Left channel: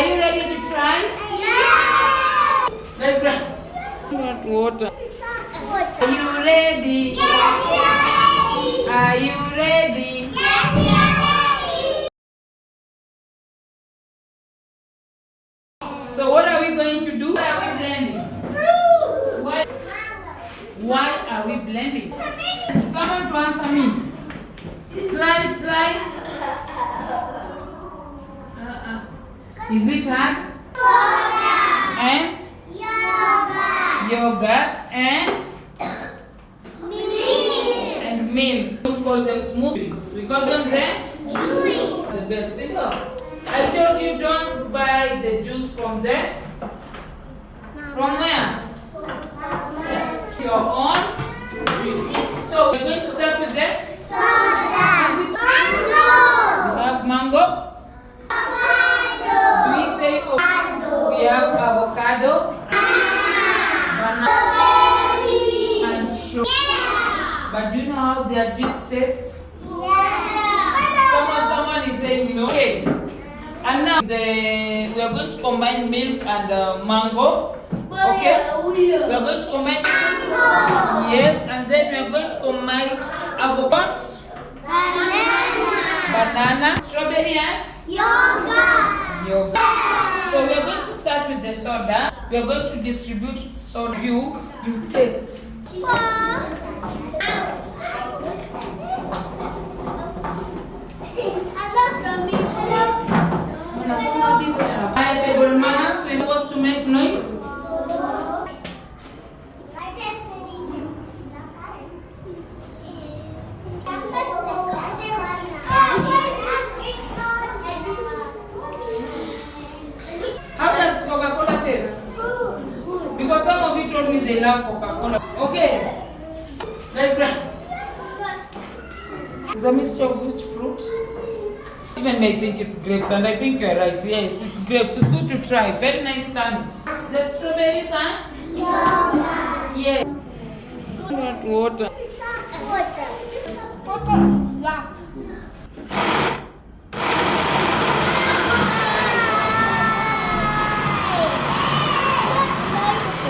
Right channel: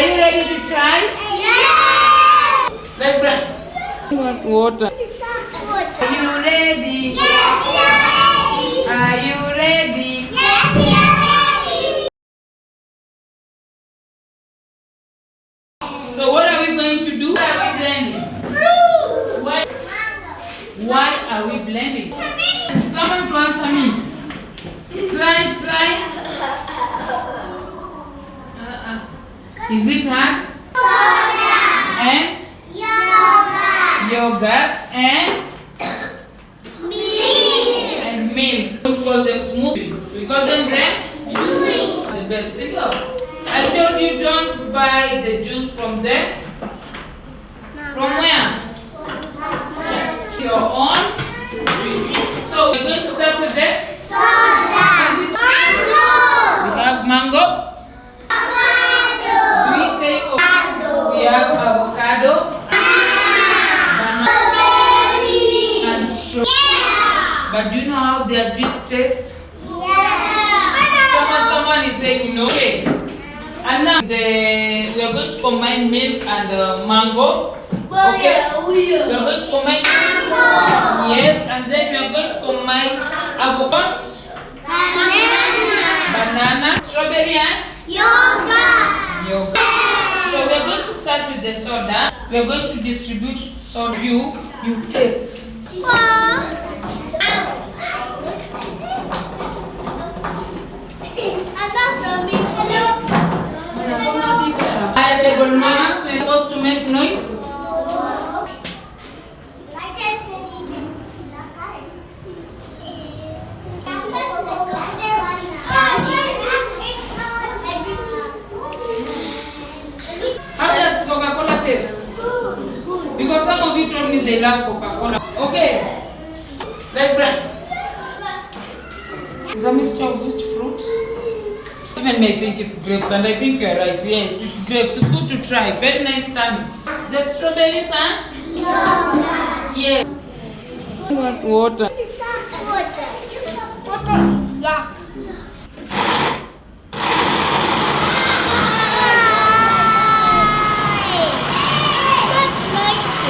Are you ready to try? Yes! Like that. Want water? Are you ready? Yes, we are ready! Are you ready? Yes, we are ready! So what are we going to do? Why are we blending? Fruit! Why are we blending? Someone to answer me. Try. Is it hard? Soda! And Yogurt! yogurt and Milk! milk. Don't call them smoothies. We call them Juice! the best singer. I told you don't buy the juice from there. From where? Your own. So we're going to start with the Soda! Mango! we have mango. Avocado! Do we say we have avocado, banana, Strawberry! and strawberry. Yeah! But do you know how their juice tastes? Yeah! Someone is saying no way. And now we are going to combine milk and mango. Okay? We are going to combine yes, and then we are going to combine avocado, banana, strawberry, and Yogurt! yogurt. So we are going to start with the soda. We are going to distribute soda. You taste. I take bananas. We're supposed to make noise. How does Coca-Cola taste? Because some of you told me they love Coca-Cola. Okay. Like that. It's a mixture of which fruits? Even may think it's grapes, and I think you're right. Yes, it's grapes. It's good to try. Very nice tummy. The strawberries and yes. I want water.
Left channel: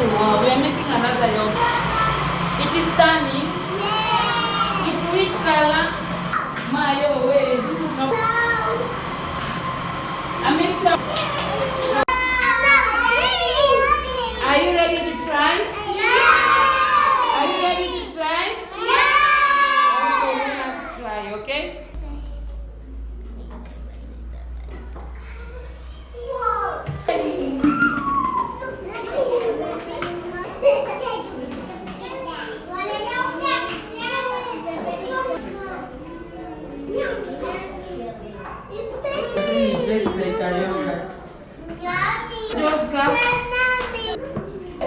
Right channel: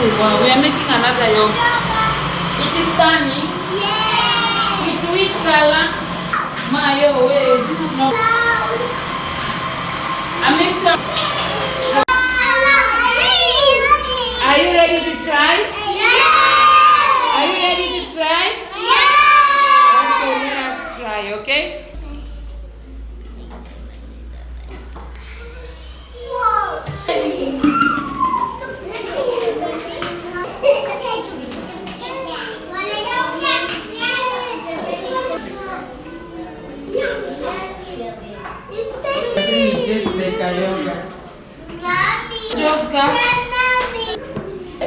Oh wow, we are making another yogurt. It is turning. It's which color? Mayo, wait. No. I make sure. Are you ready to try? Are you ready to try? Okay, let us try, okay? It tastes like a yogurt. Just got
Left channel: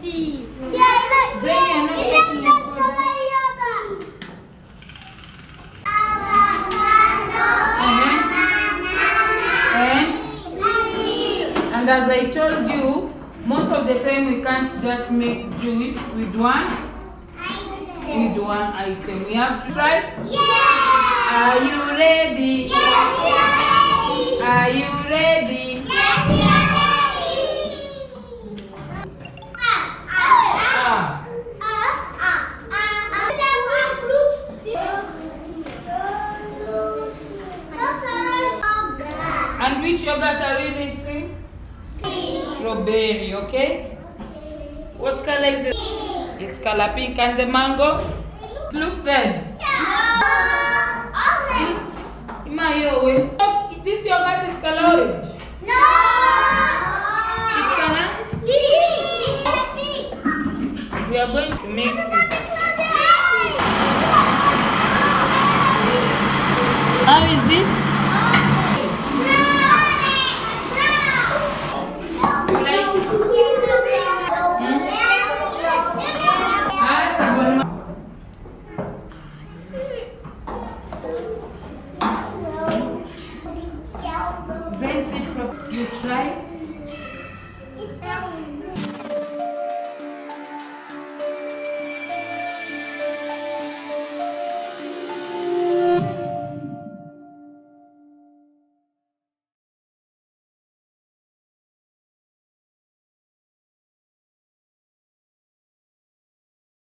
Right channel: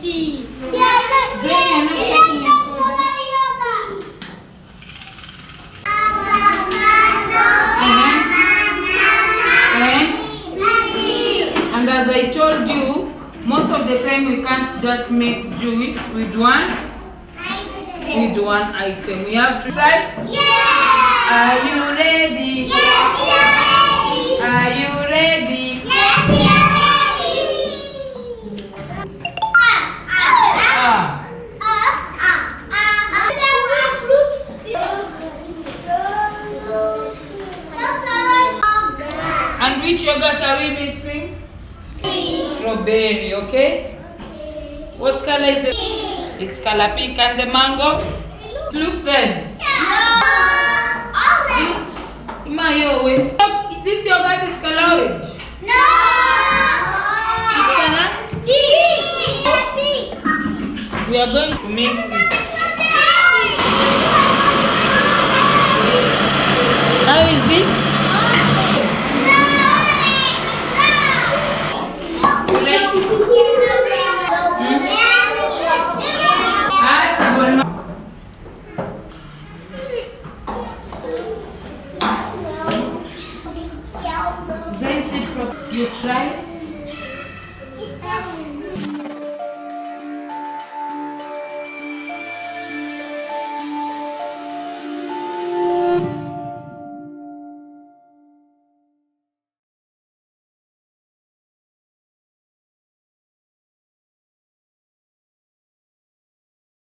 tea. Then you're not taking a soda. And as I told you, most of the time we can't just make juice with one item. We have to try. Are you ready? Are you ready? Ah. And which yogurt are we mixing? Strawberry, okay? What color is the? It's color pink, and the mango looks red. This yogurt is color orange. It's color? We are going to mix it. How is it? You try?